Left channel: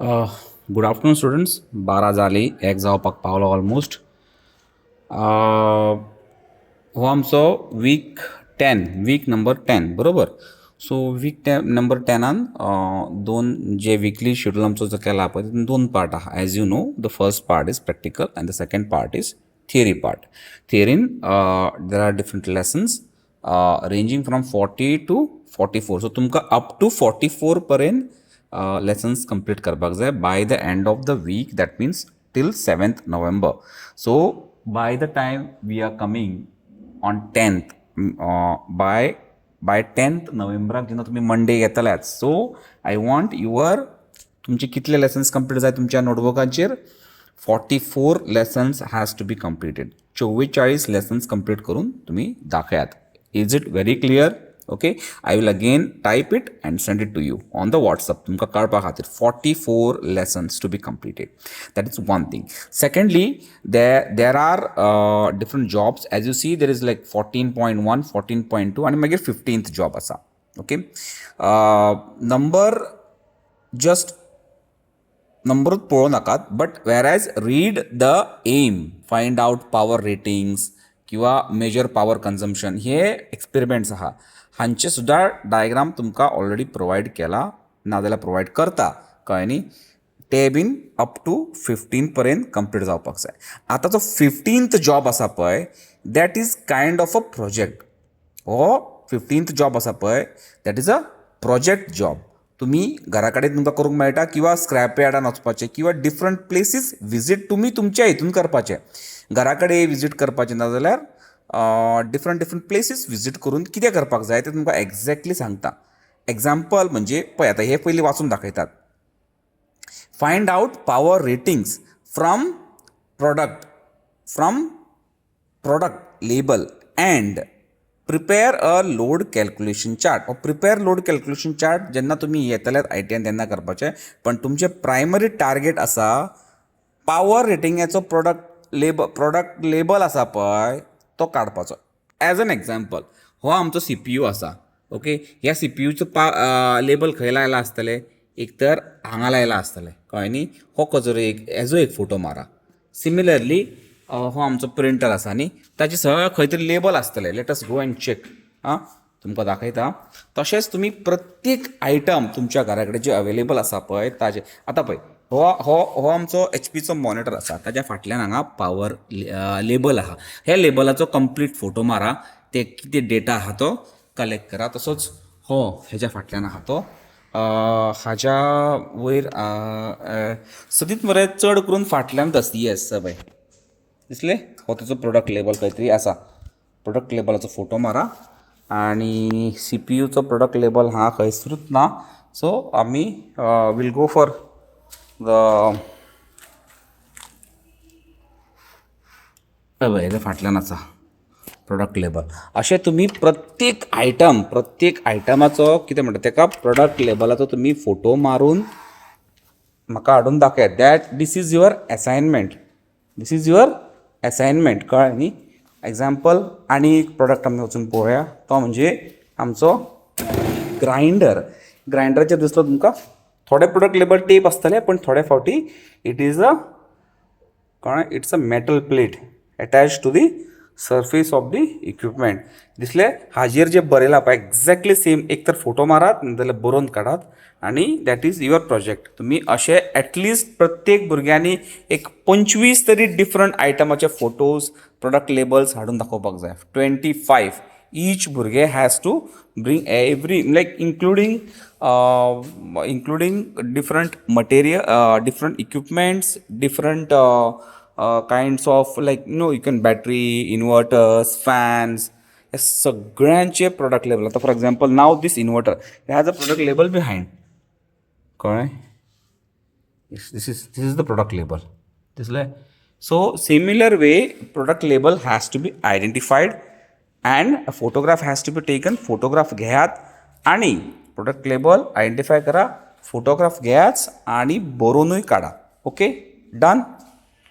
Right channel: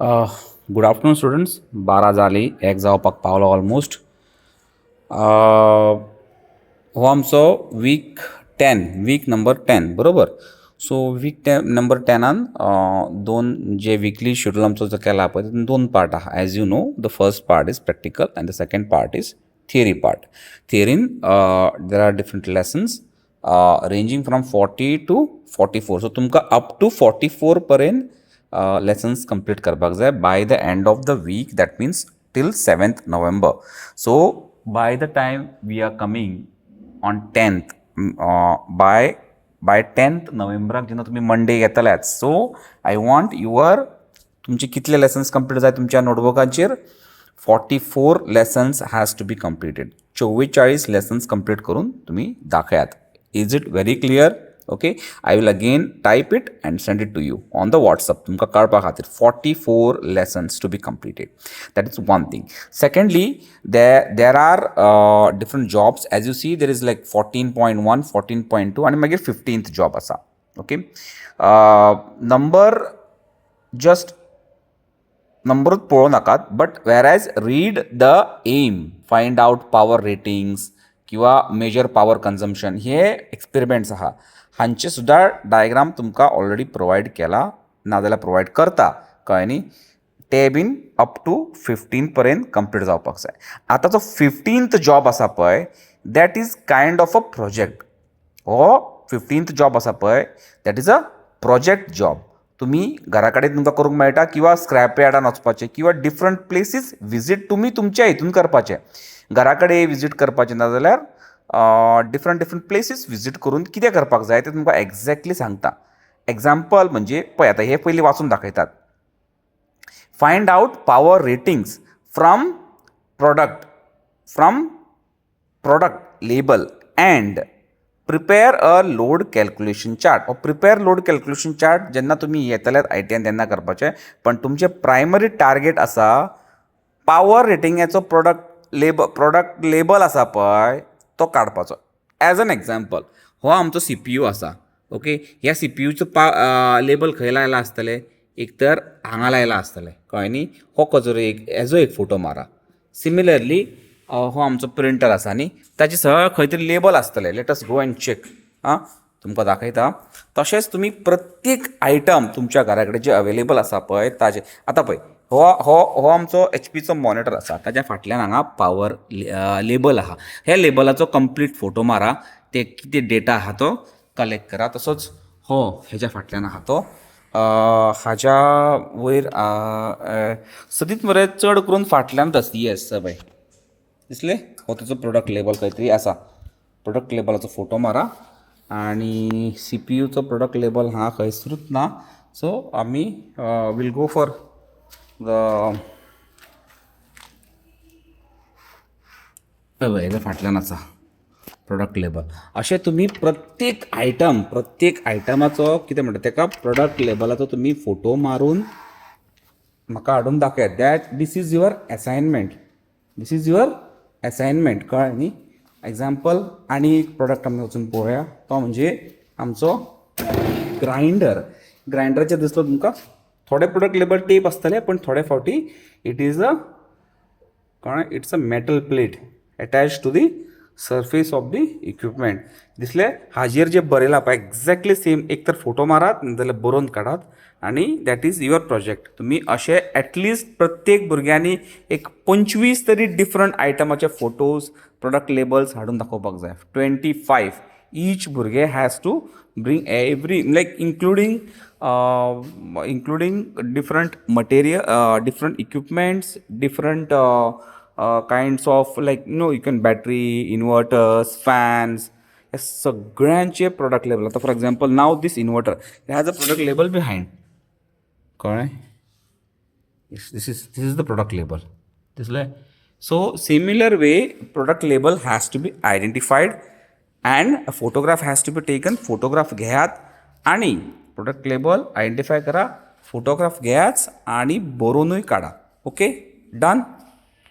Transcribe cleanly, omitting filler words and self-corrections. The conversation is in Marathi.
Good afternoon students. 12 जाली, एक जावपाक पावलो ऑलमोस्ट. हो आमचो वीक 10, वीक नंबर 10 बरोबर. सो वीक नंबर 10 दोन जे विकली शेड्यूल आमचो जो केला पळय तितून दोन पार्ट आहा. As you know, the first part is practical and the second part is theory part. थियरीन there are different lessons ranging from 40 to 44. So तुमकां अप टू 44 पर्यंत लेसन्स कंप्लीट करपाक जाय by the end of the week. That means till 7th November. So by the time we are coming on 10th, by 10th नोव्हेंबराक जेन्ना तुमी मंडे येतल्यात, सो आय वॉन्ट तुमचे कितले लेसन्स कंप्लीट जाय तुमच्या नोटबुकाचेर. 44 lessons has to be completed. 44 lessons complete करून तुमी दाखयात. Is it very clear? Okay, I will again type it and send it to you on the WhatsApp. तुमकां कळपा खातीर 44 lessons to be completed. That is one thing. Secondly, there are different jobs. As you see, there is like 14.1, 14.2 आनी मागीर 15th जॉब आसा. ओके, नंबरूच पळोवं नाकात, but where as read them, find out power ratings किंवा मेजर पॉवर कन्झम्पशन, हे एक्सपेरिमेंट्स आहा. हांचे सुद्दां डायग्राम तुमकां ऑलरेडी प्रोवायड केला, नाजाल्यार प्रोवायड करता, कळ्ळें न्ही. ते बीन अप टू 15 पर्यंत कंप्लीट जावपाक जाय. आतां जो 15th जॉब आसा पळय, that is kind of a project. हो 15th जॉब आसा पळय, that is a project job. तुमी घरा कडेन तुमकां करूंक मेळटा, किंवा स्क्रॅप यार्डान वचपाचें, किंवा डिफरंट प्लेसीस विजीट तुमी तुमच्या हितून करपाचें. घरा कडेन विजीट करपाचें ना जाल्यार डिफरंट प्लेसीस विजीट करून कितें करपाक जाय तें तुमकां एक्झॅक्टली सांगता. एग्जाम्पल म्हणजे पळय, आतां हे पयलीं वाचून दाखयतात. Find out power ratings from product label and prepare a load calculation chart. Prepare load calculation chart जेन्ना तुमी येतल्यात ITN तेन्ना करपाचें, पण तुमचें प्रायमरी टार्गेट आसा पॉवर रेटिंगाचो प्रोडक्ट लेबल आसा पळय तो काडपाचो. एज एन एग्जाम्पल, हो आमचो CPU आसा. ओके, ह्या CPUचो लेबल खंय लायला आसतलें? एक तर हांगा लायला आसतलें, कळ्ळें न्ही. हो खंयचो हेजो एक फोटो मारा. सिमिलरली हो आमचो प्रिंटर आसा न्ही, ताचे सगळं खंय तरी लेबल आसतलें. Let us go and check. तुमकां दाखयता. तशेंच तुमी प्रत्येक आयटम तुमच्या घरा कडेन जे अवेलेबल आसा पळय ताजे. आतां पळय, हो आमचो HPचो मॉनिटर आसा, ताच्या फाटल्यान हांगा पॉवर लेबल आहा. ह्या लेबलाचो कंप्लीट फोटो मारा. ते कितें डेटा आहा तो कलेक्ट करा. तसोच हो हेज्या फाटल्यान आहा तो. हाच्या वयर सदींच मरे चड करून फाटल्यानच आसा. येस पळय, दिसलें? हो तेजो प्रोडक्ट लेबल खंय तरी आसा. प्रोडक्ट लेबलाचो फोटो मारा. आनी CPUचो प्रोडक्ट लेबल हांगा खंयसरूच ना. सो आमी वील गो फॉर हेज्या फाटल्यान आसा प्रोडक्ट लेबल. अशें तुमी प्रत्येक आयटमाचो कितें म्हणटा तेका प्रोडक्ट लेबलाचो तुमी फोटो मारून म्हाका हाडून दाखयात. That this is your assignment. कळ्ळें न्ही. एग्जाम्पल आनी एक प्रोडक्ट आमी वचून पळोवया. तो म्हणजे आमचो ग्रायंडराचेर दिसलो तुमकां. थोडे प्रोडक्ट लेबल टेप आसतले, पण थोडे फावटी it's a metal plate attach to the surface of the equipment. दिसलें? हाजेर जे बरयलां पळय एक्झॅक्टली सेम. एक तर फोटो मारात नाजाल्यार बरोवन काडात, आनी दॅट इज युअर प्रोजेक्ट. तुमी अशें एटलिस्ट प्रत्येक भुरग्यांनी एक 25 तरी डिफरंट आयटमाचे फोटोज, प्रोडक्ट लेबल्स हाडून दाखोवपाक जाय. 25. ईच भुरगे has to bring every, like including different material, different equipments, different kinds of, like you can battery, inverters, fans, हे सगळ्यांचे प्रोडक्ट लेबल. आतां फॉर एग्जाम्पल, नाव this inverter has a product label behind. कळ्ळें? This is the product label. दिसलें? So similar way product label has to be identified and a photograph has to be taken. Photograph घेयात आनी प्रोडक्ट लेबल आयडेंटिफाय करा, फोटोग्राफ घेयाच आनी बरोवनूय काडा. Okay, done.